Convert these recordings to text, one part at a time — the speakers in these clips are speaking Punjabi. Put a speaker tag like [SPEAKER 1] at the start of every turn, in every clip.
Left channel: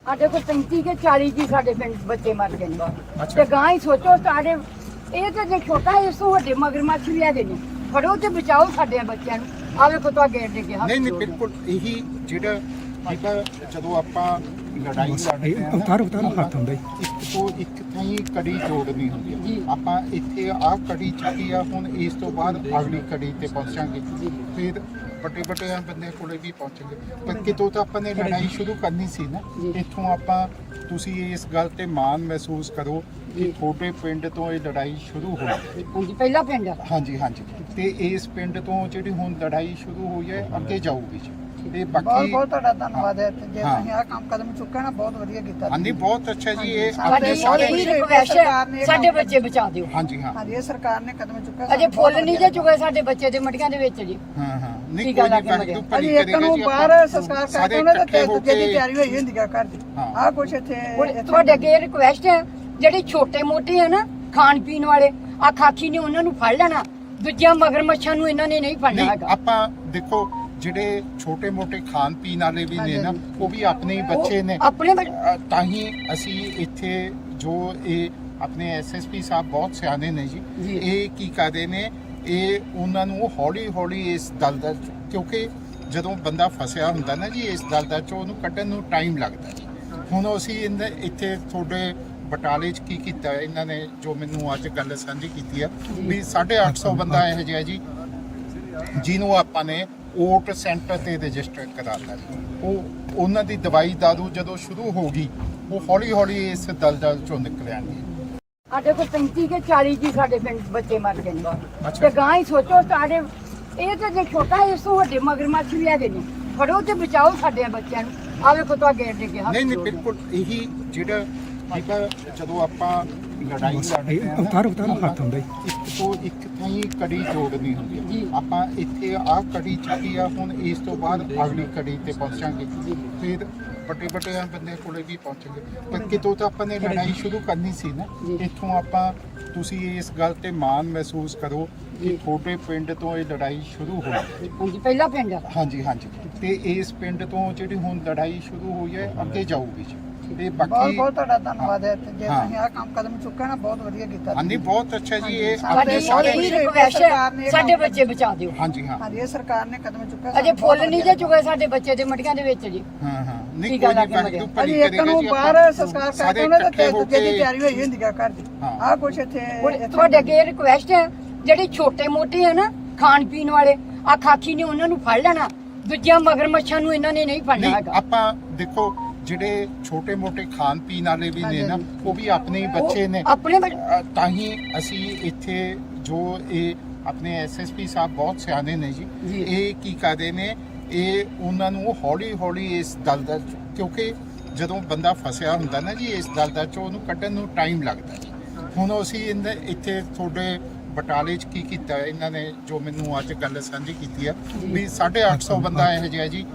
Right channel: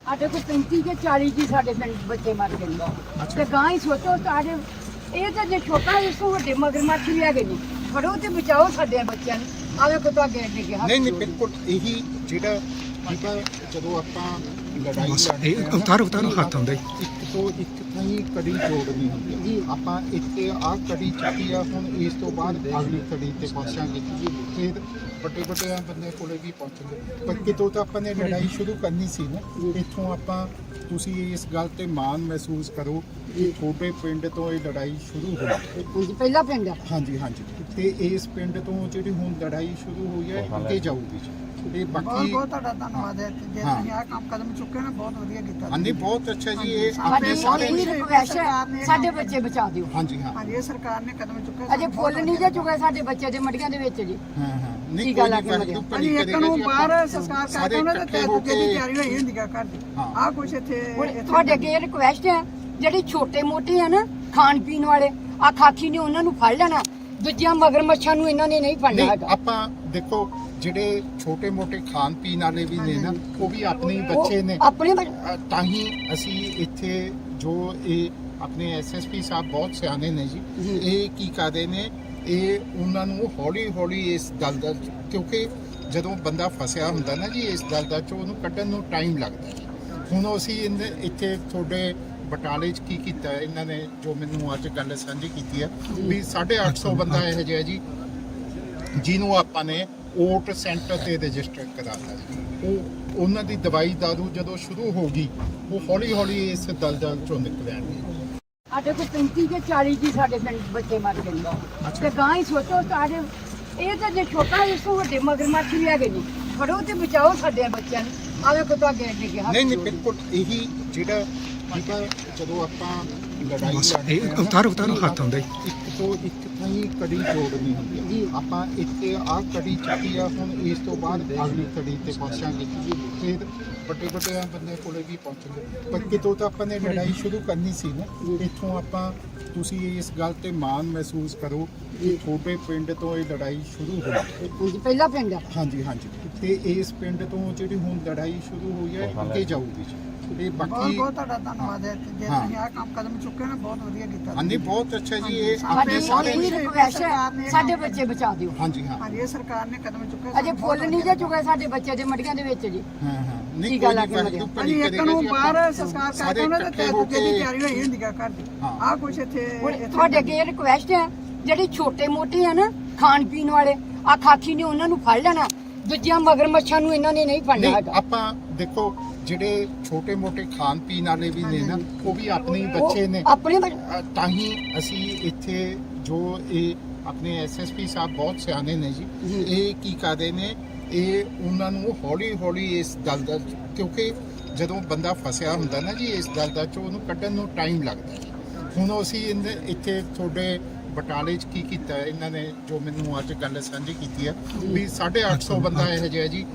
[SPEAKER 1] ਸਾਡੇ ਕੋਲ 35 ਕੇ 40 ਜੀ ਸਾਡੇ ਪਿੰਡ ਬੱਚੇ ਮਰ ਗਏ ਨੇ
[SPEAKER 2] ਅੱਛਾ।
[SPEAKER 1] ਤੇ ਗਾਂ ਹੀ ਸੋਚੋ ਸਾਡੇ ਇਹ ਤੇ ਜੇ ਛੋਟਾ ਇਸ ਤੋਂ ਵੱਡੇ ਮਗਰਮੱਛ ਵੀ ਹੈਗੇ ਜੀ ਫੜੋ ਤੇ ਬਚਾਓ ਸਾਡੇ ਬੱਚਿਆਂ ਨੂੰ ਆਵੇ ਕੋ ਤਾਂ ਗੇੜ ਦੇ ਕੇ ਹੱਥ
[SPEAKER 2] ਨਹੀਂ ਨਹੀਂ
[SPEAKER 1] ਜੋੜ ਕੇ।
[SPEAKER 2] ਬਿਲਕੁਲ ਇਹੀ ਜਿਹੜਾ ਠੀਕ ਆ, ਜਦੋਂ ਆਪਾਂ ਲੜਾਈ ਲੜਦੇ ਹਾਂ,
[SPEAKER 3] ਅਵਤਾਰ ਹੱਥ ਹੁੰਦਾ
[SPEAKER 2] ਇੱਕ ਤੋਂ ਇੱਕ ਥਾਈ ਕੜੀ ਜੋੜਨੀ ਹੁੰਦੀ
[SPEAKER 1] ਜੀ।
[SPEAKER 2] ਹੈ। ਆਪਾਂ ਇੱਥੇ ਆਹ ਕੜੀ ਚੱਕੀ ਆ, ਹੁਣ ਇਸ ਤੋਂ ਬਾਅਦ ਅਗਲੀ ਕੜੀ ਤੇ ਪਹੁੰਚਾਂਗੇ। ਫਿਰ ਵੱਡੇ ਵੱਡੇ ਬੰਦੇ ਕੋਲੇ ਵੀ ਪਹੁੰਚਾਂਗੇ, ਪਰ ਕਿਤੋਂ ਤਾਂ ਆਪਾਂ ਨੇ ਲੜਾਈ ਸ਼ੁਰੂ ਕਰਨੀ ਸੀ ਨਾ। ਇੱਥੋਂ ਆਪਾਂ ਤੁਸੀਂ ਇਸ ਗੱਲ ਤੇ ਮਾਣ ਮਹਿਸੂਸ ਕਰੋ ਕਿ ਛੋਟੇ ਪਿੰਡ ਤੋਂ ਇਹ ਲੜਾਈ ਸ਼ੁਰੂ ਹੋਈ।
[SPEAKER 1] ਹਾਂਜੀ ਪਹਿਲਾ ਪਿੰਡ ਆ
[SPEAKER 2] ਹਾਂਜੀ ਹਾਂਜੀ, ਤੇ ਇਸ ਪਿੰਡ ਤੋਂ ਜਿਹੜੀ ਹੁਣ ਲੜਾਈ ਸ਼ੁਰੂ ਹੋਈ ਹੈ ਅੱਗੇ ਜਾਊਗੀ ਜੀ। ਇਹ ਬਾਕੀ
[SPEAKER 4] ਬਹੁਤ ਤੁਹਾਡਾ ਧੰਨਵਾਦ ਹੈ ਜੇ
[SPEAKER 2] ਹਾਂ।
[SPEAKER 4] ਤੁਸੀਂ ਆਹ ਕੰਮ ਕਦਮ ਚੁੱਕਿਆ ਨਾ ਬਹੁਤ ਵਧੀਆ ਕੀਤਾ
[SPEAKER 2] ਹਾਂਜੀ ਬਹੁਤ ਅੱਛਾ ਜੀ। ਇਹ
[SPEAKER 1] ਸਾਡੀ
[SPEAKER 2] ਆਪਣੇ ਸਾਰੇ
[SPEAKER 1] ਇਹੀ ਰਿਕਵੈਸਟ ਹੈ ਸਾਡੇ ਬੱਚੇ ਬਚਾ ਦਿਓ।
[SPEAKER 2] ਹਾਂਜੀ ਹਾਂ
[SPEAKER 4] ਹਾਂਜੀ ਇਹ ਸਰਕਾਰ ਨੇ ਕਦਮ ਚੁੱਕਿਆ
[SPEAKER 1] ਅਜੇ ਫੁੱਲ ਨਹੀਂ ਜੇ ਚੁਗੇ ਸਾਡੇ ਬੱਚੇ ਦੇ ਮਟੀਆਂ ਦੇ ਵਿੱਚ ਜੀ
[SPEAKER 2] ਹਾਂ ਹਾਂ, ਨਹੀਂ
[SPEAKER 1] ਠੀਕ
[SPEAKER 2] ਕੋਈ
[SPEAKER 1] ਆ,
[SPEAKER 2] ਨਹੀਂ
[SPEAKER 1] ਲੱਗ
[SPEAKER 2] ਵਾਹਿਗੁਰੂ ਭਲੀ
[SPEAKER 4] ਇੱਕ
[SPEAKER 2] ਕਰੇਗਾ
[SPEAKER 4] ਨੂੰ
[SPEAKER 2] ਜੀ।
[SPEAKER 4] ਬਾਹਰ
[SPEAKER 2] ਆਪਾਂ
[SPEAKER 4] ਸੰਸਕਾਰ
[SPEAKER 2] ਸਾਰੇ
[SPEAKER 4] ਕਰਦੇ ਉਹਨਾਂ
[SPEAKER 2] ਇਕੱਠੇ
[SPEAKER 4] ਦੇ
[SPEAKER 2] ਹੋ
[SPEAKER 4] ਦੂਜੇ ਦੀ
[SPEAKER 2] ਕੇ
[SPEAKER 4] ਤਿਆਰੀ ਹੋਈ ਹੁੰਦੀ ਹੈ ਘਰ ਦੀ
[SPEAKER 2] ਹਾਂ।
[SPEAKER 4] ਆਹ ਕੁਛ ਇੱਥੇ
[SPEAKER 1] ਹੁਣ ਤੁਹਾਡੇ ਅੱਗੇ ਰਿਕਵੈਸਟ ਹੈ ਜਿਹੜੇ ਛੋਟੇ ਮੋਟੇ ਆ ਨਾ ਖਾਣ ਪੀਣ ਵਾਲੇ ਆ ਖਾਖੀ ਨੇ ਉਹਨਾਂ ਨੂੰ ਫੜ ਲੈਣਾ, ਦੂਜਿਆਂ ਮਗਰਮੱਛਾਂ ਨੂੰ ਇਹਨਾਂ ਨੇ ਨਹੀਂ ਫੜਨਾ
[SPEAKER 2] ਨਹੀਂ
[SPEAKER 1] ਹੈਗਾ।
[SPEAKER 2] ਆਪਾਂ ਦੇਖੋ ਜਿਹੜੇ ਛੋਟੇ ਮੋਟੇ ਖਾਣ ਪੀਣ ਵਾਲੇ ਵੀ ਨੇ ਨਾ, ਉਹ ਵੀ ਆਪਣੇ ਹੀ ਬੱਚੇ ਨੇ।
[SPEAKER 1] ਆਪਣੇ
[SPEAKER 2] ਤਾਂ ਹੀ ਅਸੀਂ ਇੱਥੇ ਜੋ ਇਹ ਆਪਣੇ ਐਸਐਸਪੀ ਸਾਹਿਬ ਬਹੁਤ ਸਿਆਣੇ ਨੇ ਜੀ।
[SPEAKER 1] ਜੀ।
[SPEAKER 2] ਇਹ ਕੀ ਕਰਦੇ ਨੇ, ਇਹ ਉਹਨਾਂ ਨੂੰ ਹੌਲੀ ਹੌਲੀ ਇਸ ਦਲਦਲ ਕਿਉਂਕਿ ਜਦੋਂ ਬੰਦਾ ਫਸਿਆ ਹੁੰਦਾ ਨਾ ਜੀ ਇਸ ਦਲਦਲ ਚੋਂ ਉਹਨੂੰ ਕੱਢਣ ਨੂੰ ਟਾਈਮ ਲੱਗਦਾ ਜੀ। ਹੁਣ ਅਸੀਂ ਇੱਥੇ ਤੁਹਾਡੇ ਬਟਾਲੇ 'ਚ ਕੀ ਕੀਤਾ ਇਹਨਾਂ ਨੇ, ਜੋ ਮੈਨੂੰ ਅੱਜ ਗੱਲ ਸਾਂਝੀ ਕੀਤੀ ਆ ਵੀ 850 ਬੰਦਾ ਇਹੋ ਜਿਹਾ ਜੀ ਜਿਹਨੂੰ ਆਪਾਂ ਨੇ ਓਟ ਸੈਂਟਰ ਤੇ ਰਜਿਸਟਰ ਕਰਾਤਾ ਜੀ। ਉਹ ਉਹਨਾਂ ਦੀ ਦਵਾਈ ਦਾਰੂ ਜਦੋਂ ਸ਼ੁਰੂ ਹੋ ਗਈ, ਉਹ ਹੌਲੀ ਹੌਲੀ ਇਸ ਦਲਦਲ ਚੋਂ ਨਿਕਲ ਆਣਗੇ।
[SPEAKER 1] ਸਾਡੇ ਕੋਲ 35 ਕੇ 40 ਜੀ ਸਾਡੇ ਪਿੰਡ ਬੱਚੇ ਮਰ ਗਏ ਨੇ
[SPEAKER 2] ਅੱਛਾ।
[SPEAKER 1] ਤੇ ਗਾਂ ਹੀ ਸੋਚੋ ਸਾਡੇ ਇਹ ਤੇ ਜੇ ਛੋਟਾ ਇਸ ਤੋਂ ਵੱਡੇ ਮਗਰਮੱਛ ਵੀ ਹੈਗੇ ਜੀ ਫੜੋ ਤੇ ਬਚਾਓ ਸਾਡੇ ਬੱਚਿਆਂ ਨੂੰ ਆਵੇ ਕੋ ਤਾਂ ਗੇੜ ਦੇ ਕੇ ਹੱਥ
[SPEAKER 2] ਨਹੀਂ ਨਹੀਂ
[SPEAKER 1] ਜੋੜ ਕੇ।
[SPEAKER 2] ਬਿਲਕੁਲ ਇਹੀ ਜਿਹੜਾ ਠੀਕ ਆ, ਜਦੋਂ ਆਪਾਂ ਲੜਾਈ ਲੜਦੇ ਹਾਂ,
[SPEAKER 3] ਅਵਤਾਰ ਹੱਥ ਹੁੰਦਾ
[SPEAKER 2] ਇੱਕ ਤੋਂ ਇੱਕ ਥਾਈ ਕੜੀ ਜੋੜਨੀ ਹੁੰਦੀ
[SPEAKER 1] ਜੀ।
[SPEAKER 2] ਹੈ। ਆਪਾਂ ਇੱਥੇ ਆਹ ਕੜੀ ਚੱਕੀ ਆ, ਹੁਣ ਇਸ ਤੋਂ ਬਾਅਦ ਅਗਲੀ ਕੜੀ ਤੇ ਪਹੁੰਚਾਂਗੇ। ਫਿਰ ਵੱਡੇ ਵੱਡੇ ਬੰਦੇ ਕੋਲੇ ਵੀ ਪਹੁੰਚਾਂਗੇ, ਪਰ ਕਿਤੋਂ ਤਾਂ ਆਪਾਂ ਨੇ ਲੜਾਈ ਸ਼ੁਰੂ ਕਰਨੀ ਸੀ ਨਾ। ਇੱਥੋਂ ਆਪਾਂ ਤੁਸੀਂ ਇਸ ਗੱਲ ਤੇ ਮਾਣ ਮਹਿਸੂਸ ਕਰੋ ਕਿ ਛੋਟੇ ਪਿੰਡ ਤੋਂ ਇਹ ਲੜਾਈ ਸ਼ੁਰੂ ਹੋਈ।
[SPEAKER 1] ਹਾਂਜੀ ਪਹਿਲਾ ਪਿੰਡ ਆ
[SPEAKER 2] ਹਾਂਜੀ ਹਾਂਜੀ, ਤੇ ਇਸ ਪਿੰਡ ਤੋਂ ਜਿਹੜੀ ਹੁਣ ਲੜਾਈ ਸ਼ੁਰੂ ਹੋਈ ਹੈ ਅੱਗੇ ਜਾਊਗੀ ਜੀ। ਇਹ
[SPEAKER 4] ਬਹੁਤ
[SPEAKER 2] ਬਾਕੀ
[SPEAKER 4] ਬਹੁਤ ਤੁਹਾਡਾ ਧੰਨਵਾਦ ਹੈ ਜੇ
[SPEAKER 2] ਹਾਂ।
[SPEAKER 4] ਤੁਸੀਂ ਆਹ ਕੰਮ ਕਦਮ ਚੁੱਕਿਆ ਨਾ ਬਹੁਤ ਵਧੀਆ ਕੀਤਾ
[SPEAKER 2] ਹਾਂਜੀ ਬਹੁਤ ਅੱਛਾ ਜੀ। ਇਹ
[SPEAKER 1] ਸਾਡੀ
[SPEAKER 2] ਆਪਣੇ ਸਾਰੇ
[SPEAKER 1] ਇਹੀ ਰਿਕਵੈਸਟ ਹੈ ਸਾਡੇ ਬੱਚੇ ਬਚਾ ਦਿਓ।
[SPEAKER 2] ਹਾਂਜੀ ਹਾਂ
[SPEAKER 4] ਹਾਂਜੀ ਇਹ ਸਰਕਾਰ ਨੇ ਕਦਮ ਚੁੱਕਿਆ
[SPEAKER 1] ਅਜੇ ਫੁੱਲ ਨਹੀਂ ਜੇ ਚੁਗੇ ਸਾਡੇ ਬੱਚੇ ਦੇ ਮਟੀਆਂ ਦੇ ਵਿੱਚ ਜੀ
[SPEAKER 2] ਹਾਂ ਹਾਂ, ਨਹੀਂ
[SPEAKER 1] ਠੀਕ ਆ,
[SPEAKER 2] ਕੋਈ ਨਹੀਂ
[SPEAKER 1] ਲੱਗ
[SPEAKER 2] ਵਾਹਿਗੁਰੂ ਭਲੀ
[SPEAKER 4] ਹਾਂਜੀ ਇੱਕ
[SPEAKER 2] ਕਰੇਗਾ
[SPEAKER 4] ਨੂੰ
[SPEAKER 2] ਜੀ।
[SPEAKER 4] ਬਾਹਰ
[SPEAKER 2] ਆਪਾਂ
[SPEAKER 4] ਸੰਸਕਾਰ
[SPEAKER 2] ਸਾਰੇ
[SPEAKER 4] ਕਰਦੇ ਉਹਨਾਂ
[SPEAKER 2] ਇਕੱਠੇ
[SPEAKER 4] ਦੇ
[SPEAKER 2] ਹੋ
[SPEAKER 4] ਦੂਜੇ ਦੀ
[SPEAKER 2] ਕੇ
[SPEAKER 4] ਤਿਆਰੀ ਹੋਈ ਹੁੰਦੀ ਹੈ ਘਰ ਦੀ
[SPEAKER 2] ਹਾਂ।
[SPEAKER 4] ਆਹ ਕੁਛ ਇੱਥੇ
[SPEAKER 1] ਹੁਣ ਤੁਹਾਡੇ ਅੱਗੇ ਰਿਕਵੈਸਟ ਹੈ ਜਿਹੜੇ ਛੋਟੇ ਮੋਟੇ ਆ ਨਾ ਖਾਣ ਪੀਣ ਵਾਲੇ ਆ ਖਾਖੀ ਨੇ ਉਹਨਾਂ ਨੂੰ ਫੜ ਲੈਣਾ, ਦੂਜਿਆਂ ਮਗਰਮੱਛਾਂ ਨੂੰ ਇਹਨਾਂ ਨੇ ਨਹੀਂ ਫੜਨਾ
[SPEAKER 2] ਨਹੀਂ
[SPEAKER 1] ਹੈਗਾ।
[SPEAKER 2] ਆਪਾਂ ਦੇਖੋ ਜਿਹੜੇ ਛੋਟੇ ਮੋਟੇ ਖਾਣ ਪੀਣ ਵਾਲੇ ਵੀ ਨੇ ਨਾ, ਉਹ ਵੀ ਆਪਣੇ ਹੀ ਬੱਚੇ ਨੇ।
[SPEAKER 1] ਆਪਣੇ
[SPEAKER 2] ਤਾਂ ਹੀ ਅਸੀਂ ਇੱਥੇ ਜੋ ਇਹ ਆਪਣੇ ਐਸਐਸਪੀ ਸਾਹਿਬ ਬਹੁਤ ਸਿਆਣੇ ਨੇ ਜੀ।
[SPEAKER 1] ਜੀ।
[SPEAKER 2] ਇਹ ਕੀ ਕਰਦੇ ਨੇ, ਇਹ ਉਹਨਾਂ ਨੂੰ ਹੌਲੀ ਹੌਲੀ ਇਸ ਦਲਦਲ ਕਿਉਂਕਿ ਜਦੋਂ ਬੰਦਾ ਫਸਿਆ ਹੁੰਦਾ ਨਾ ਜੀ ਇਸ ਦਲਦਲ ਚੋਂ ਉਹਨੂੰ ਕੱਢਣ ਨੂੰ ਟਾਈਮ ਲੱਗਦਾ ਜੀ। ਹੁਣ ਅਸੀਂ ਇੱਥੇ ਤੁਹਾਡੇ ਬਟਾਲੇ 'ਚ ਕੀ ਕੀਤਾ ਇਹਨਾਂ ਨੇ, ਜੋ ਮੈਨੂੰ ਅੱਜ ਗੱਲ ਸਾਂਝੀ ਕੀਤੀ ਆ ਵੀ 850 ਬੰਦਾ ਇਹੋ ਜਿਹਾ ਜੀ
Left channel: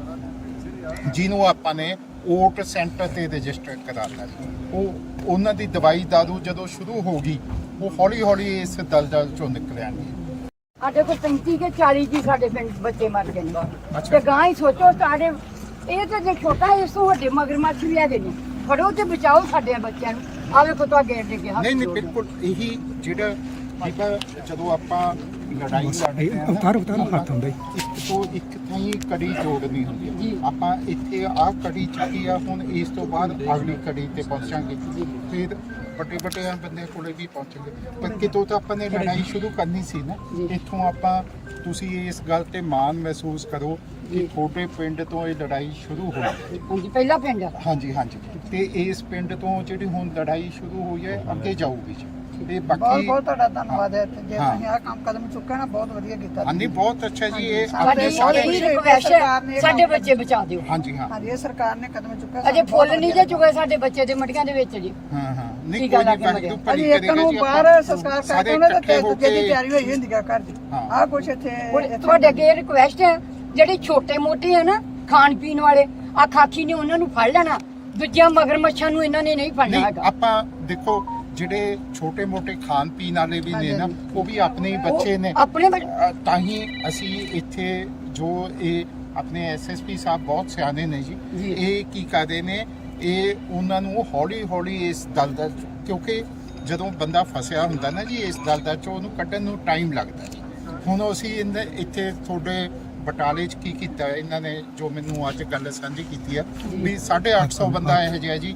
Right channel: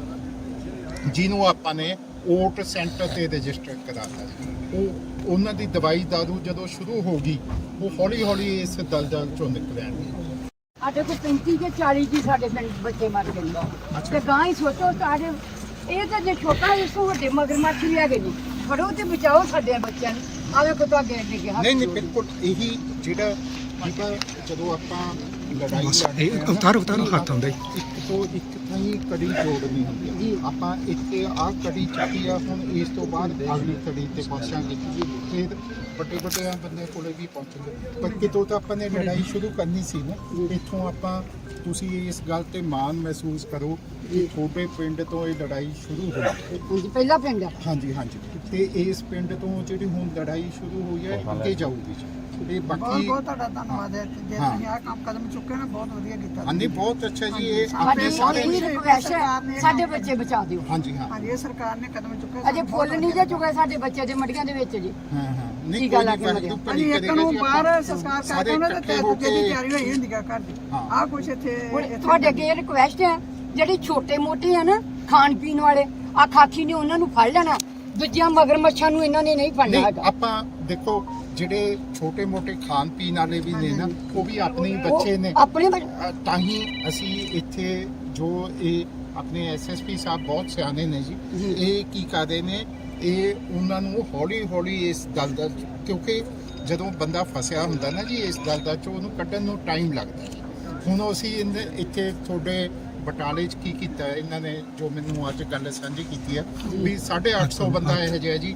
[SPEAKER 2] ਜਿਹਨੂੰ ਆਪਾਂ ਨੇ ਓਟ ਸੈਂਟਰ ਤੇ ਰਜਿਸਟਰ ਕਰਾਤਾ ਜੀ। ਉਹ ਉਹਨਾਂ ਦੀ ਦਵਾਈ ਦਾਰੂ ਜਦੋਂ ਸ਼ੁਰੂ ਹੋ ਗਈ, ਉਹ ਹੌਲੀ ਹੌਲੀ ਇਸ ਦਲਦਲ ਚੋਂ ਨਿਕਲ ਆਣਗੇ।
[SPEAKER 1] ਸਾਡੇ ਕੋਲ 35 ਕੇ 40 ਜੀ ਸਾਡੇ ਪਿੰਡ ਬੱਚੇ ਮਰ ਗਏ ਨੇ
[SPEAKER 2] ਅੱਛਾ।
[SPEAKER 1] ਤੇ ਗਾਂ ਹੀ ਸੋਚੋ ਸਾਡੇ ਇਹ ਤੇ ਜੇ ਛੋਟਾ ਇਸ ਤੋਂ ਵੱਡੇ ਮਗਰਮੱਛ ਵੀ ਹੈਗੇ ਜੀ ਫੜੋ ਤੇ ਬਚਾਓ ਸਾਡੇ ਬੱਚਿਆਂ ਨੂੰ ਆਵੇ ਕੋ ਤਾਂ ਗੇੜ ਦੇ ਕੇ ਹੱਥ
[SPEAKER 2] ਨਹੀਂ ਨਹੀਂ
[SPEAKER 1] ਜੋੜ ਕੇ।
[SPEAKER 2] ਬਿਲਕੁਲ ਇਹੀ ਜਿਹੜਾ ਠੀਕ ਆ, ਜਦੋਂ ਆਪਾਂ ਲੜਾਈ ਲੜਦੇ ਹਾਂ,
[SPEAKER 3] ਅਵਤਾਰ ਹੱਥ ਹੁੰਦਾ
[SPEAKER 2] ਇੱਕ ਤੋਂ ਇੱਕ ਥਾਈ ਕੜੀ ਜੋੜਨੀ ਹੁੰਦੀ
[SPEAKER 1] ਜੀ।
[SPEAKER 2] ਹੈ। ਆਪਾਂ ਇੱਥੇ ਆਹ ਕੜੀ ਚੱਕੀ ਆ, ਹੁਣ ਇਸ ਤੋਂ ਬਾਅਦ ਅਗਲੀ ਕੜੀ ਤੇ ਪਹੁੰਚਾਂਗੇ। ਫਿਰ ਵੱਡੇ ਵੱਡੇ ਬੰਦੇ ਕੋਲੇ ਵੀ ਪਹੁੰਚਾਂਗੇ, ਪਰ ਕਿਤੋਂ ਤਾਂ ਆਪਾਂ ਨੇ ਲੜਾਈ ਸ਼ੁਰੂ ਕਰਨੀ ਸੀ ਨਾ। ਇੱਥੋਂ ਆਪਾਂ ਤੁਸੀਂ ਇਸ ਗੱਲ ਤੇ ਮਾਣ ਮਹਿਸੂਸ ਕਰੋ ਕਿ ਛੋਟੇ ਪਿੰਡ ਤੋਂ ਇਹ ਲੜਾਈ ਸ਼ੁਰੂ ਹੋਈ।
[SPEAKER 1] ਹਾਂਜੀ ਪਹਿਲਾ ਪਿੰਡ ਆ
[SPEAKER 2] ਹਾਂਜੀ ਹਾਂਜੀ, ਤੇ ਇਸ ਪਿੰਡ ਤੋਂ ਜਿਹੜੀ ਹੁਣ ਲੜਾਈ ਸ਼ੁਰੂ ਹੋਈ ਹੈ ਅੱਗੇ ਜਾਊਗੀ ਜੀ। ਇਹ
[SPEAKER 4] ਬਹੁਤ
[SPEAKER 2] ਬਾਕੀ
[SPEAKER 4] ਬਹੁਤ ਤੁਹਾਡਾ ਧੰਨਵਾਦ ਹੈ ਜੇ
[SPEAKER 2] ਹਾਂ।
[SPEAKER 4] ਤੁਸੀਂ ਆਹ ਕੰਮ ਕਦਮ ਚੁੱਕਿਆ ਨਾ ਬਹੁਤ ਵਧੀਆ ਕੀਤਾ
[SPEAKER 2] ਹਾਂਜੀ ਬਹੁਤ ਅੱਛਾ ਜੀ। ਇਹ
[SPEAKER 1] ਸਾਡੀ
[SPEAKER 2] ਆਪਣੇ ਸਾਰੇ
[SPEAKER 1] ਇਹੀ ਰਿਕਵੈਸਟ ਹੈ ਸਾਡੇ ਬੱਚੇ ਬਚਾ ਦਿਓ।
[SPEAKER 2] ਹਾਂਜੀ ਹਾਂ
[SPEAKER 4] ਹਾਂਜੀ ਇਹ ਸਰਕਾਰ ਨੇ ਕਦਮ ਚੁੱਕਿਆ
[SPEAKER 1] ਅਜੇ ਫੁੱਲ ਨਹੀਂ ਜੇ ਚੁਗੇ ਸਾਡੇ ਬੱਚੇ ਦੇ ਮਟੀਆਂ ਦੇ ਵਿੱਚ ਜੀ
[SPEAKER 2] ਹਾਂ ਹਾਂ, ਨਹੀਂ
[SPEAKER 1] ਠੀਕ ਆ,
[SPEAKER 2] ਕੋਈ ਨਹੀਂ
[SPEAKER 1] ਲੱਗ
[SPEAKER 2] ਵਾਹਿਗੁਰੂ ਭਲੀ
[SPEAKER 4] ਇੱਕ
[SPEAKER 2] ਕਰੇਗਾ
[SPEAKER 4] ਨੂੰ
[SPEAKER 2] ਜੀ।
[SPEAKER 4] ਬਾਹਰ
[SPEAKER 2] ਆਪਾਂ
[SPEAKER 4] ਸੰਸਕਾਰ
[SPEAKER 2] ਸਾਰੇ
[SPEAKER 4] ਕਰਦੇ ਉਹਨਾਂ ਦੇ
[SPEAKER 2] ਇਕੱਠੇ ਹੋ
[SPEAKER 4] ਦੂਜੇ ਦੀ
[SPEAKER 2] ਕੇ
[SPEAKER 4] ਤਿਆਰੀ ਹੋਈ ਹੁੰਦੀ ਹੈ ਘਰ ਦੀ
[SPEAKER 2] ਹਾਂ।
[SPEAKER 4] ਆਹ ਕੁਛ ਇੱਥੇ
[SPEAKER 1] ਹੁਣ ਤੁਹਾਡੇ ਅੱਗੇ ਰਿਕਵੈਸਟ ਹੈ ਜਿਹੜੇ ਛੋਟੇ ਮੋਟੇ ਆ ਨਾ ਖਾਣ ਪੀਣ ਵਾਲੇ ਆ ਖਾਖੀ ਨੇ ਉਹਨਾਂ ਨੂੰ ਫੜ ਲੈਣਾ, ਦੂਜਿਆਂ ਮਗਰਮੱਛਾਂ ਨੂੰ ਇਹਨਾਂ ਨੇ ਨਹੀਂ ਫੜਨਾ
[SPEAKER 2] ਨਹੀਂ
[SPEAKER 1] ਹੈਗਾ।
[SPEAKER 2] ਆਪਾਂ ਦੇਖੋ ਜਿਹੜੇ ਛੋਟੇ ਮੋਟੇ ਖਾਣ ਪੀਣ ਵਾਲੇ ਵੀ ਨੇ ਨਾ, ਉਹ ਵੀ ਆਪਣੇ ਹੀ ਬੱਚੇ ਨੇ।
[SPEAKER 1] ਆਪਣੇ
[SPEAKER 2] ਤਾਂ ਹੀ ਅਸੀਂ ਇੱਥੇ ਜੋ ਇਹ ਆਪਣੇ ਐਸਐਸਪੀ ਸਾਹਿਬ ਬਹੁਤ ਸਿਆਣੇ ਨੇ ਜੀ।
[SPEAKER 1] ਜੀ।
[SPEAKER 2] ਇਹ ਕੀ ਕਰਦੇ ਨੇ, ਇਹ ਉਹਨਾਂ ਨੂੰ ਹੌਲੀ ਹੌਲੀ ਇਸ ਦਲਦਲ ਕਿਉਂਕਿ ਜਦੋਂ ਬੰਦਾ ਫਸਿਆ ਹੁੰਦਾ ਨਾ ਜੀ ਇਸ ਦਲਦਲ ਚੋਂ ਉਹਨੂੰ ਕੱਢਣ ਨੂੰ ਟਾਈਮ ਲੱਗਦਾ ਜੀ। ਹੁਣ ਅਸੀਂ ਇੱਥੇ ਤੁਹਾਡੇ ਬਟਾਲੇ 'ਚ ਕੀ ਕੀਤਾ ਇਹਨਾਂ ਨੇ ਜੋ ਮੈਨੂੰ ਅੱਜ ਗੱਲ ਸਾਂਝੀ ਕੀਤੀ ਆ ਵੀ 850 ਬੰਦਾ ਇਹੋ ਜਿਹਾ ਜੀ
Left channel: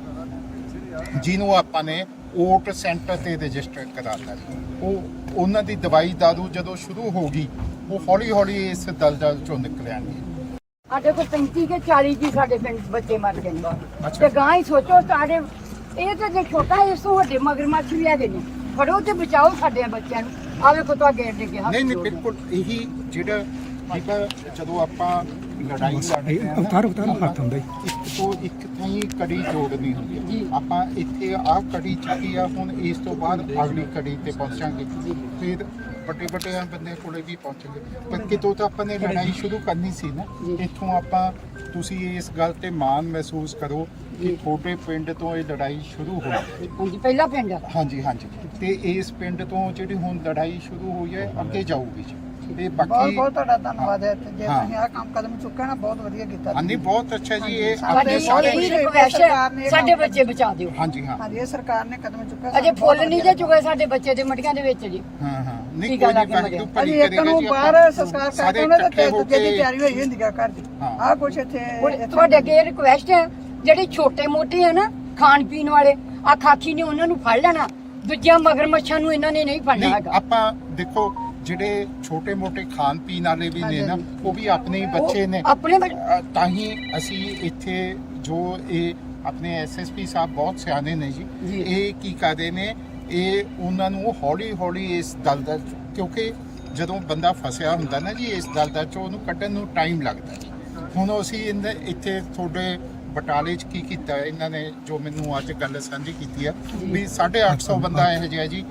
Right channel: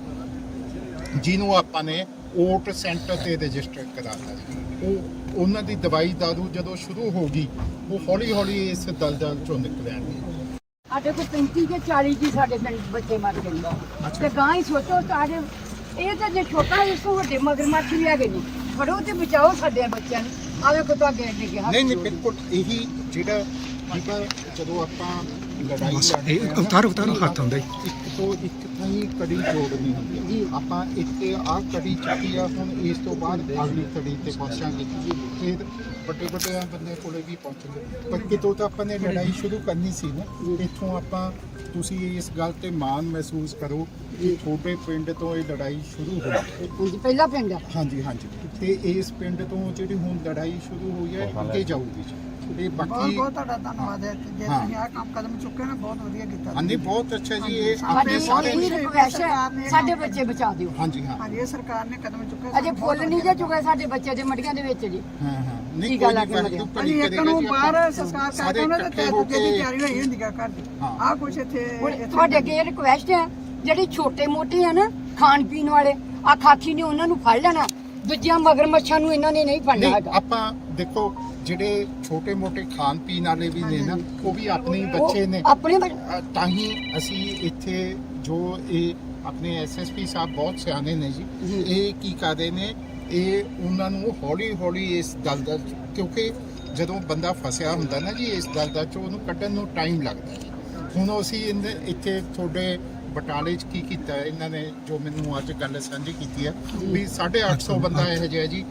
[SPEAKER 2] ਜਿਹਨੂੰ ਆਪਾਂ ਨੇ ਓਟ ਸੈਂਟਰ ਤੇ ਰਜਿਸਟਰ ਕਰਾਤਾ ਜੀ। ਉਹ ਉਹਨਾਂ ਦੀ ਦਵਾਈ ਦਾਰੂ ਜਦੋਂ ਸ਼ੁਰੂ ਹੋ ਗਈ ਉਹ ਹੌਲੀ ਹੌਲੀ ਇਸ ਦਲਦਲ ਚੋਂ ਨਿਕਲ ਆਣਗੇ।
[SPEAKER 1] ਸਾਡੇ ਕੋਲ 35 ਕੇ 40 ਜੀ ਸਾਡੇ ਪਿੰਡ ਬੱਚੇ ਮਰ ਗਏ ਤੇ ਗਾਂ ਹੀ ਸੋਚੋ ਸਾਡੇ ਇਹ ਤੇ ਜੇ ਛੋਟਾ ਇਸ ਤੋਂ ਵੱਡੇ ਮਗਰਮੱਛ ਵੀ ਹੈਗੇ ਜੀ ਫੜੋ ਤੇ ਬਚਾਓ ਸਾਡੇ ਬੱਚਿਆਂ ਨੂੰ ਆਵੇ ਕੋ ਤਾਂ ਗੇੜ ਦੇ ਕੇ ਹੱਥ
[SPEAKER 2] ਨਹੀਂ ਨਹੀਂ
[SPEAKER 1] ਜੋੜ ਕੇ।
[SPEAKER 2] ਬਿਲਕੁਲ ਇਹੀ ਜਿਹੜਾ ਪਰ ਜਦੋਂ ਆਪਾਂ ਲੜਾਈ
[SPEAKER 3] ਬਸ
[SPEAKER 2] ਲੜਦੇ
[SPEAKER 3] ਇਹ
[SPEAKER 2] ਹਾਂ,
[SPEAKER 3] ਅਵਤਾਰ ਹੱਥ ਹੁੰਦਾ ਜੀ।
[SPEAKER 2] ਇੱਕ ਤੋਂ ਇੱਕ ਥਾਈ ਕੜੀ ਜੋੜਨੀ ਹੁੰਦੀ
[SPEAKER 1] ਜੀ।
[SPEAKER 2] ਹੈ। ਆਪਾਂ ਇੱਥੇ ਆਹ ਕੜੀ ਚੱਕੀ ਆ ਹੁਣ ਇਸ ਤੋਂ ਬਾਅਦ ਅਗਲੀ ਕੜੀ ਤੇ ਪਹੁੰਚਾਂਗੇ ਫਿਰ ਵੱਡੇ ਵੱਡੇ ਬੰਦੇ ਕੋਲੇ ਵੀ ਪਹੁੰਚਾਂਗੇ ਪਰ ਕਿਤੋਂ ਤਾਂ ਆਪਾਂ ਨੇ ਲੜਾਈ ਸ਼ੁਰੂ ਕਰਨੀ ਸੀ ਨਾ। ਇੱਥੋਂ ਆਪਾਂ ਤੁਸੀਂ ਇਸ ਗੱਲ ਤੇ ਮਾਣ ਮਹਿਸੂਸ ਕਰੋ ਕਿ ਛੋਟੇ ਪਿੰਡ ਤੋਂ ਇਹ ਲੜਾਈ ਸ਼ੁਰੂ ਹੋਈ ਹੈ।
[SPEAKER 1] ਹਾਂਜੀ ਪਹਿਲਾ ਪਿੰਡ ਆ
[SPEAKER 2] ਹਾਂਜੀ ਹਾਂਜੀ ਤੇ ਇਸ ਪਿੰਡ ਤੋਂ ਜਿਹੜੀ ਹੁਣ ਲੜਾਈ ਸ਼ੁਰੂ ਹੋਈ ਹੈ ਅੱਗੇ ਜਾਊਗੀ ਜੀ। ਇਹ
[SPEAKER 4] ਬਹੁਤ
[SPEAKER 2] ਬਾਕੀ
[SPEAKER 4] ਬਹੁਤ ਤੁਹਾਡਾ ਧੰਨਵਾਦ ਹੈ ਤੇ ਜੇ
[SPEAKER 2] ਹਾਂ।
[SPEAKER 4] ਤੁਸੀਂ ਆਹ ਕੰਮ ਕਦਮ ਚੁੱਕਿਆ ਨਾ ਬਹੁਤ ਵਧੀਆ ਕੀਤਾ
[SPEAKER 2] ਹਾਂਜੀ ਬਹੁਤ ਅੱਛਾ ਜੀ ਇਹ ਆਪਣੇ
[SPEAKER 1] ਸਾਡੀ
[SPEAKER 2] ਸਾਰੇ
[SPEAKER 1] ਇਹੀ ਰਿਕਵੈਸਟ ਹੈ ਸਾਡੇ ਬੱਚੇ ਬਚਾ ਦਿਓ।
[SPEAKER 2] ਹਾਂਜੀ ਹਾਂ
[SPEAKER 4] ਹਾਂਜੀ ਇਹ ਸਰਕਾਰ ਨੇ ਕਦਮ ਚੁੱਕਿਆ
[SPEAKER 1] ਅਜੇ ਫੁੱਲ ਨਹੀਂ ਜੇ ਚੁਗੇ ਸਾਡੇ ਬੱਚੇ ਦੇ ਮਟੀਆਂ ਦੇ ਵਿੱਚ ਜੀ।
[SPEAKER 2] ਹਾਂ ਹਾਂ ਨਹੀਂ
[SPEAKER 1] ਠੀਕ
[SPEAKER 2] ਕੋਈ
[SPEAKER 1] ਆ,
[SPEAKER 2] ਨਹੀਂ
[SPEAKER 1] ਲੱਗ
[SPEAKER 2] ਵਾਹਿਗੁਰੂ
[SPEAKER 1] ਗਿਆ।
[SPEAKER 2] ਭਲੀ
[SPEAKER 4] ਅਸੀਂ ਇੱਕ
[SPEAKER 2] ਕਰੇਗਾ
[SPEAKER 4] ਨੂੰ
[SPEAKER 2] ਜੀ
[SPEAKER 4] ਬਾਹਰ
[SPEAKER 2] ਆਪਾਂ
[SPEAKER 4] ਸੰਸਕਾਰ
[SPEAKER 2] ਸਾਰੇ
[SPEAKER 4] ਕਰਦੇ ਉਹਨਾਂ
[SPEAKER 2] ਇਕੱਠੇ
[SPEAKER 4] ਦੇ
[SPEAKER 2] ਹੋ
[SPEAKER 4] ਦੂਜੇ ਦੀ
[SPEAKER 2] ਕੇ
[SPEAKER 4] ਤਿਆਰੀ ਹੋਈ ਹੁੰਦੀ ਆ ਘਰ ਦੀ
[SPEAKER 2] ਹਾਂ।
[SPEAKER 4] ਆਹ ਕੁਛ ਇੱਥੇ
[SPEAKER 1] ਤੁਹਾਡੇ ਅੱਗੇ ਰਿਕਵੈਸਟ ਹੈ ਜਿਹੜੇ ਛੋਟੇ ਮੋਟੇ ਆ ਨਾ ਖਾਣ ਪੀਣ ਵਾਲੇ ਆ ਖਾਖੀ ਨੇ ਉਹਨਾਂ ਨੂੰ ਫੜ ਲੈਣਾ ਦੂਜਿਆਂ ਮਗਰਮੱਛਾਂ ਨੂੰ ਇਹਨਾਂ ਨੇ ਨਹੀਂ ਫੜਨਾ
[SPEAKER 2] ਨਹੀਂ
[SPEAKER 1] ਹੈਗਾ।
[SPEAKER 2] ਆਪਾਂ ਦੇਖੋ ਜਿਹੜੇ ਛੋਟੇ ਮੋਟੇ ਖਾਣ ਪੀਣ ਵਾਲੇ ਵੀ ਨੇ ਨਾ ਉਹ ਵੀ ਆਪਣੇ ਹੀ ਬੱਚੇ ਨੇ।
[SPEAKER 1] ਆਪਣੇ
[SPEAKER 2] ਤਾਂ ਹੀ ਅਸੀਂ ਇੱਥੇ ਜੋ ਇਹ ਆਪਣੇ ਐਸਐਸਪੀ ਸਾਹਿਬ ਬਹੁਤ ਸਿਆਣੇ ਨੇ ਜੀ।
[SPEAKER 1] ਜੀ।
[SPEAKER 2] ਇਹ ਕੀ ਕਰਦੇ ਨੇ ਇਹ ਉਹਨਾਂ ਨੂੰ ਹੌਲੀ ਹੌਲੀ ਇਸ ਦਲਦਲ ਕਿਉਂਕਿ ਜਦੋਂ ਬੰਦਾ ਫਸਿਆ ਹੁੰਦਾ ਨਾ ਜੀ ਇਸ ਦਲਦਲ ਚੋਂ ਉਹਨੂੰ ਕੱਢਣ ਨੂੰ ਟਾਈਮ ਲੱਗਦਾ ਜੀ। ਹੁਣ ਅਸੀਂ ਇੱਥੇ ਤੁਹਾਡੇ ਬਟਾਲੇ 'ਚ ਕੀ ਕੀਤਾ ਇਹਨਾਂ ਨੇ ਜੋ ਮੈਨੂੰ ਅੱਜ ਗੱਲ ਸਾਂਝੀ ਕੀਤੀ ਆ ਵੀ 850 ਬੰਦਾ ਇਹੋ ਜਿਹਾ ਜੀ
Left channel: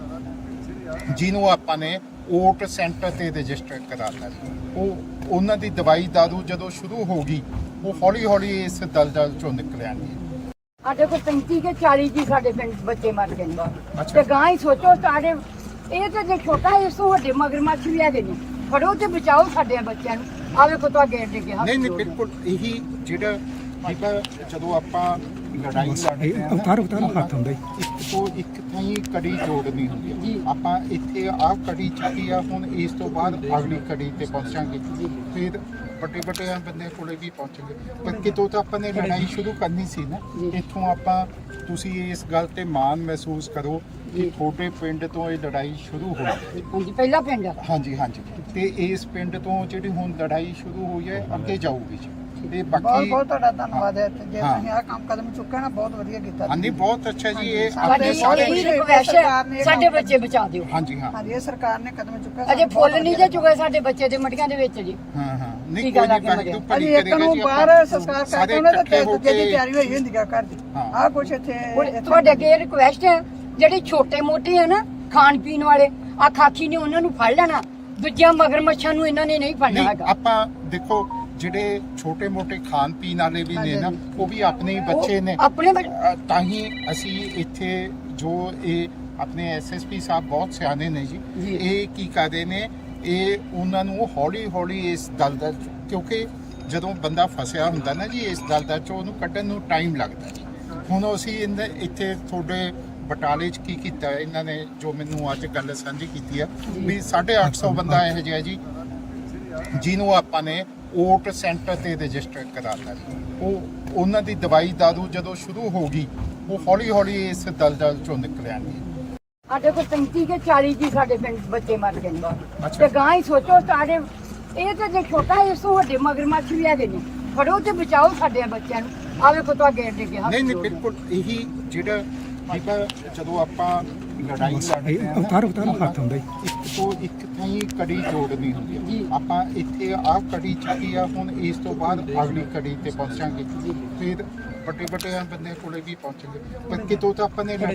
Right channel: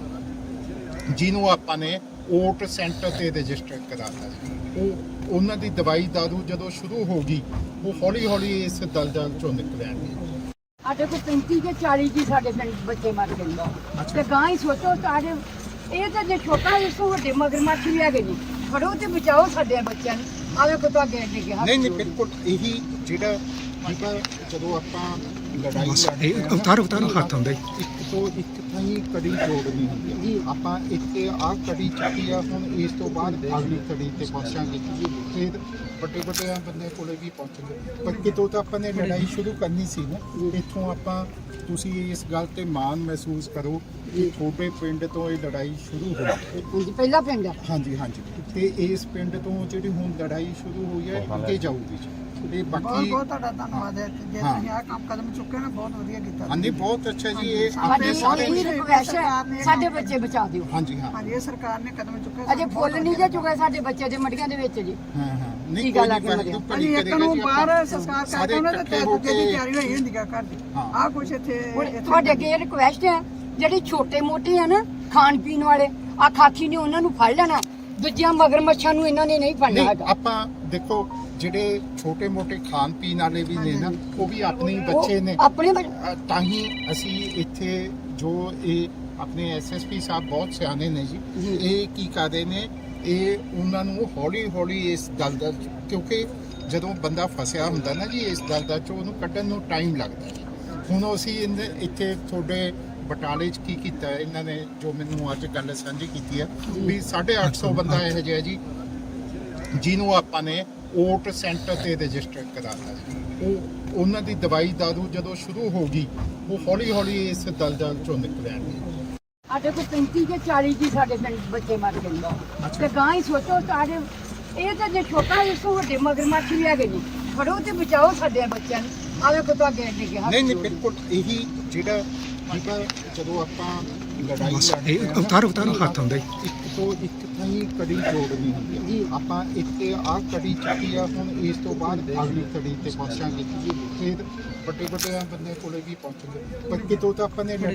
[SPEAKER 2] ਜਿਹਨੂੰ ਆਪਾਂ ਨੇ ਓਟ ਸੈਂਟਰ ਤੇ ਰਜਿਸਟਰ ਕਰਾਤਾ ਜੀ। ਉਹ ਉਹਨਾਂ ਦੀ ਦਵਾਈ ਦਾਰੂ ਜਦੋਂ ਸ਼ੁਰੂ ਹੋ ਗਈ ਉਹ ਹੌਲੀ ਹੌਲੀ ਇਸ ਦਲਦਲ ਚੋਂ ਨਿਕਲ ਆਣਗੇ।
[SPEAKER 1] ਸਾਡੇ ਕੋਲ 35 ਕੇ 40 ਜੀ ਸਾਡੇ ਪਿੰਡ ਬੱਚੇ ਮਰ ਗਏ ਤੇ ਗਾਂ ਹੀ ਸੋਚੋ ਸਾਡੇ ਇਹ ਤੇ ਜੇ ਛੋਟਾ ਇਸ ਤੋਂ ਵੱਡੇ ਮਗਰਮੱਛ ਵੀ ਹੈਗੇ ਜੀ ਫੜੋ ਤੇ ਬਚਾਓ ਸਾਡੇ ਬੱਚਿਆਂ ਨੂੰ ਆਵੇ ਕੋ ਤਾਂ ਗੇੜ ਦੇ ਕੇ ਹੱਥ
[SPEAKER 2] ਨਹੀਂ ਨਹੀਂ
[SPEAKER 1] ਜੋੜ ਕੇ।
[SPEAKER 2] ਬਿਲਕੁਲ ਇਹੀ ਜਿਹੜਾ ਪਰ ਜਦੋਂ ਆਪਾਂ ਲੜਾਈ
[SPEAKER 3] ਬਸ
[SPEAKER 2] ਲੜਦੇ
[SPEAKER 3] ਇਹ
[SPEAKER 2] ਹਾਂ,
[SPEAKER 3] ਅਵਤਾਰ ਹੱਥ ਹੁੰਦਾ ਜੀ।
[SPEAKER 2] ਇੱਕ ਤੋਂ ਇੱਕ ਥਾਈ ਕੜੀ ਜੋੜਨੀ ਹੁੰਦੀ
[SPEAKER 1] ਜੀ।
[SPEAKER 2] ਹੈ। ਆਪਾਂ ਇੱਥੇ ਆਹ ਕੜੀ ਚੱਕੀ ਆ ਹੁਣ ਇਸ ਤੋਂ ਬਾਅਦ ਅਗਲੀ ਕੜੀ ਤੇ ਪਹੁੰਚਾਂਗੇ ਫਿਰ ਵੱਡੇ ਵੱਡੇ ਬੰਦੇ ਕੋਲੇ ਵੀ ਪਹੁੰਚਾਂਗੇ ਪਰ ਕਿਤੋਂ ਤਾਂ ਆਪਾਂ ਨੇ ਲੜਾਈ ਸ਼ੁਰੂ ਕਰਨੀ ਸੀ ਨਾ। ਇੱਥੋਂ ਆਪਾਂ ਤੁਸੀਂ ਇਸ ਗੱਲ ਤੇ ਮਾਣ ਮਹਿਸੂਸ ਕਰੋ ਕਿ ਛੋਟੇ ਪਿੰਡ ਤੋਂ ਇਹ ਲੜਾਈ ਸ਼ੁਰੂ ਹੋਈ ਹੈ।
[SPEAKER 1] ਹਾਂਜੀ ਪਹਿਲਾ ਪਿੰਡ ਆ
[SPEAKER 2] ਹਾਂਜੀ ਹਾਂਜੀ ਤੇ ਇਸ ਪਿੰਡ ਤੋਂ ਜਿਹੜੀ ਹੁਣ ਲੜਾਈ ਸ਼ੁਰੂ ਹੋਈ ਹੈ ਅੱਗੇ ਜਾਊਗੀ ਜੀ। ਇਹ
[SPEAKER 4] ਬਹੁਤ
[SPEAKER 2] ਬਾਕੀ
[SPEAKER 4] ਬਹੁਤ ਤੁਹਾਡਾ ਧੰਨਵਾਦ ਹੈ ਤੇ ਜੇ
[SPEAKER 2] ਹਾਂ।
[SPEAKER 4] ਤੁਸੀਂ ਆਹ ਕੰਮ ਕਦਮ ਚੁੱਕਿਆ ਨਾ ਬਹੁਤ ਵਧੀਆ ਕੀਤਾ
[SPEAKER 2] ਹਾਂਜੀ ਬਹੁਤ ਅੱਛਾ ਜੀ ਇਹ
[SPEAKER 1] ਸਾਡੀ
[SPEAKER 2] ਆਪਣੇ ਸਾਰੇ
[SPEAKER 1] ਇਹੀ ਰਿਕਵੈਸਟ ਹੈ ਸਾਡੇ ਬੱਚੇ ਬਚਾ ਦਿਓ।
[SPEAKER 2] ਹਾਂਜੀ ਹਾਂ
[SPEAKER 4] ਹਾਂਜੀ ਇਹ ਸਰਕਾਰ ਨੇ ਕਦਮ ਚੁੱਕਿਆ
[SPEAKER 1] ਅਜੇ ਫੁੱਲ ਨਹੀਂ ਜੇ ਚੁਗੇ ਸਾਡੇ ਬੱਚੇ ਦੇ ਮਟੀਆਂ ਦੇ ਵਿੱਚ ਜੀ।
[SPEAKER 2] ਹਾਂ ਹਾਂ ਨਹੀਂ
[SPEAKER 1] ਠੀਕ ਆ,
[SPEAKER 2] ਕੋਈ ਨਹੀਂ
[SPEAKER 1] ਲੱਗ ਗਿਆ।
[SPEAKER 2] ਵਾਹਿਗੁਰੂ ਭਲੀ
[SPEAKER 4] ਅਸੀਂ ਇੱਕ
[SPEAKER 2] ਕਰੇਗਾ
[SPEAKER 4] ਨੂੰ
[SPEAKER 2] ਜੀ
[SPEAKER 4] ਬਾਹਰ
[SPEAKER 2] ਆਪਾਂ
[SPEAKER 4] ਸੰਸਕਾਰ
[SPEAKER 2] ਸਾਰੇ
[SPEAKER 4] ਕਰਦੇ ਉਹਨਾਂ
[SPEAKER 2] ਇਕੱਠੇ
[SPEAKER 4] ਦੇ
[SPEAKER 2] ਹੋ
[SPEAKER 4] ਦੂਜੇ ਦੀ
[SPEAKER 2] ਕੇ
[SPEAKER 4] ਤਿਆਰੀ ਹੋਈ ਹੁੰਦੀ ਆ ਘਰ ਦੀ
[SPEAKER 2] ਹਾਂ।
[SPEAKER 4] ਆਹ ਕੁਛ ਇੱਥੇ
[SPEAKER 1] ਤੁਹਾਡੇ ਅੱਗੇ ਰਿਕਵੈਸਟ ਹੈ ਜਿਹੜੇ ਛੋਟੇ ਮੋਟੇ ਆ ਨਾ ਖਾਣ ਪੀਣ ਵਾਲੇ ਆ ਖਾਖੀ ਨੇ ਉਹਨਾਂ ਨੂੰ ਫੜ ਲੈਣਾ ਦੂਜਿਆਂ ਮਗਰਮੱਛਾਂ ਨੂੰ ਇਹਨਾਂ ਨੇ ਨਹੀਂ ਫੜਨਾ
[SPEAKER 2] ਨਹੀਂ
[SPEAKER 1] ਹੈਗਾ।
[SPEAKER 2] ਆਪਾਂ ਦੇਖੋ ਜਿਹੜੇ ਛੋਟੇ ਮੋਟੇ ਖਾਣ ਪੀਣ ਵਾਲੇ ਵੀ ਨੇ ਨਾ ਉਹ ਵੀ ਆਪਣੇ ਹੀ ਬੱਚੇ ਨੇ।
[SPEAKER 1] ਆਪਣੇ
[SPEAKER 2] ਤਾਂ ਹੀ ਅਸੀਂ ਇੱਥੇ ਜੋ ਇਹ ਆਪਣੇ ਐਸਐਸਪੀ ਸਾਹਿਬ ਬਹੁਤ ਸਿਆਣੇ ਨੇ ਜੀ।
[SPEAKER 1] ਜੀ।
[SPEAKER 2] ਇਹ ਕੀ ਕਰਦੇ ਨੇ ਇਹ ਉਹਨਾਂ ਨੂੰ ਹੌਲੀ ਹੌਲੀ ਇਸ ਦਲਦਲ ਕਿਉਂਕਿ ਜਦੋਂ ਬੰਦਾ ਫਸਿਆ ਹੁੰਦਾ ਨਾ ਜੀ ਇਸ ਦਲਦਲ ਚੋਂ ਉਹਨੂੰ ਕੱਢਣ ਨੂੰ ਟਾਈਮ ਲੱਗਦਾ ਜੀ। ਹੁਣ ਅਸੀਂ ਇੱਥੇ ਤੁਹਾਡੇ ਬਟਾਲੇ 'ਚ ਕੀ ਕੀਤਾ ਇਹਨਾਂ ਨੇ ਜੋ ਮੈਨੂੰ ਅੱਜ ਗੱਲ ਸਾਂਝੀ ਕੀਤੀ ਆ ਵੀ 850 ਬੰਦਾ ਇਹੋ ਜਿਹਾ ਜੀ ਜਿਹਨੂੰ ਆਪਾਂ ਨੇ ਓਟ ਸੈਂਟਰ ਤੇ ਰਜਿਸਟਰ ਕਰਾਤਾ ਜੀ। ਉਹ ਉਹਨਾਂ ਦੀ ਦਵਾਈ ਦਾਰੂ ਜਦੋਂ ਸ਼ੁਰੂ ਹੋ ਗਈ ਉਹ ਹੌਲੀ ਹੌਲੀ ਇਸ ਦਲਦਲ ਚੋਂ ਨਿਕਲ ਆਣਗੇ।
[SPEAKER 1] ਸਾਡੇ ਕੋਲ 35 ਕੇ 40 ਜੀ ਸਾਡੇ ਪਿੰਡ ਬੱਚੇ ਮਰ ਗਏ ਤੇ ਗਾਂ ਹੀ ਸੋਚੋ ਸਾਡੇ ਇਹ ਤੇ ਜੇ ਛੋਟਾ ਇਸ ਤੋਂ ਵੱਡੇ ਮਗਰਮੱਛ ਵੀ ਹੈਗੇ ਜੀ ਫੜੋ ਤੇ ਬਚਾਓ ਸਾਡੇ ਬੱਚਿਆਂ ਨੂੰ ਆਵੇ ਕੋ ਤਾਂ ਗੇੜ ਦੇ ਕੇ ਹੱਥ
[SPEAKER 2] ਨਹੀਂ ਨਹੀਂ
[SPEAKER 1] ਜੋੜ ਕੇ।
[SPEAKER 2] ਬਿਲਕੁਲ ਇਹੀ ਜਿਹੜਾ ਪਰ ਜਦੋਂ ਆਪਾਂ ਲੜਾਈ
[SPEAKER 3] ਬਸ
[SPEAKER 2] ਲੜਦੇ
[SPEAKER 3] ਇਹ
[SPEAKER 2] ਹਾਂ,
[SPEAKER 3] ਅਵਤਾਰ ਹੱਥ ਹੁੰਦਾ ਜੀ।
[SPEAKER 2] ਇੱਕ ਤੋਂ ਇੱਕ ਥਾਈ ਕੜੀ ਜੋੜਨੀ ਹੁੰਦੀ ਹੈ।
[SPEAKER 1] ਜੀ।
[SPEAKER 2] ਆਪਾਂ ਇੱਥੇ ਆਹ ਕੜੀ ਚੱਕੀ ਆ ਹੁਣ ਇਸ ਤੋਂ ਬਾਅਦ ਅਗਲੀ ਕੜੀ ਤੇ ਪਹੁੰਚਾਂਗੇ ਫਿਰ ਵੱਡੇ ਵੱਡੇ ਬੰਦੇ ਕੋਲੇ ਵੀ ਪਹੁੰਚਾਂਗੇ ਪਰ ਕਿਤੋਂ ਤਾਂ ਆਪਾਂ ਨੇ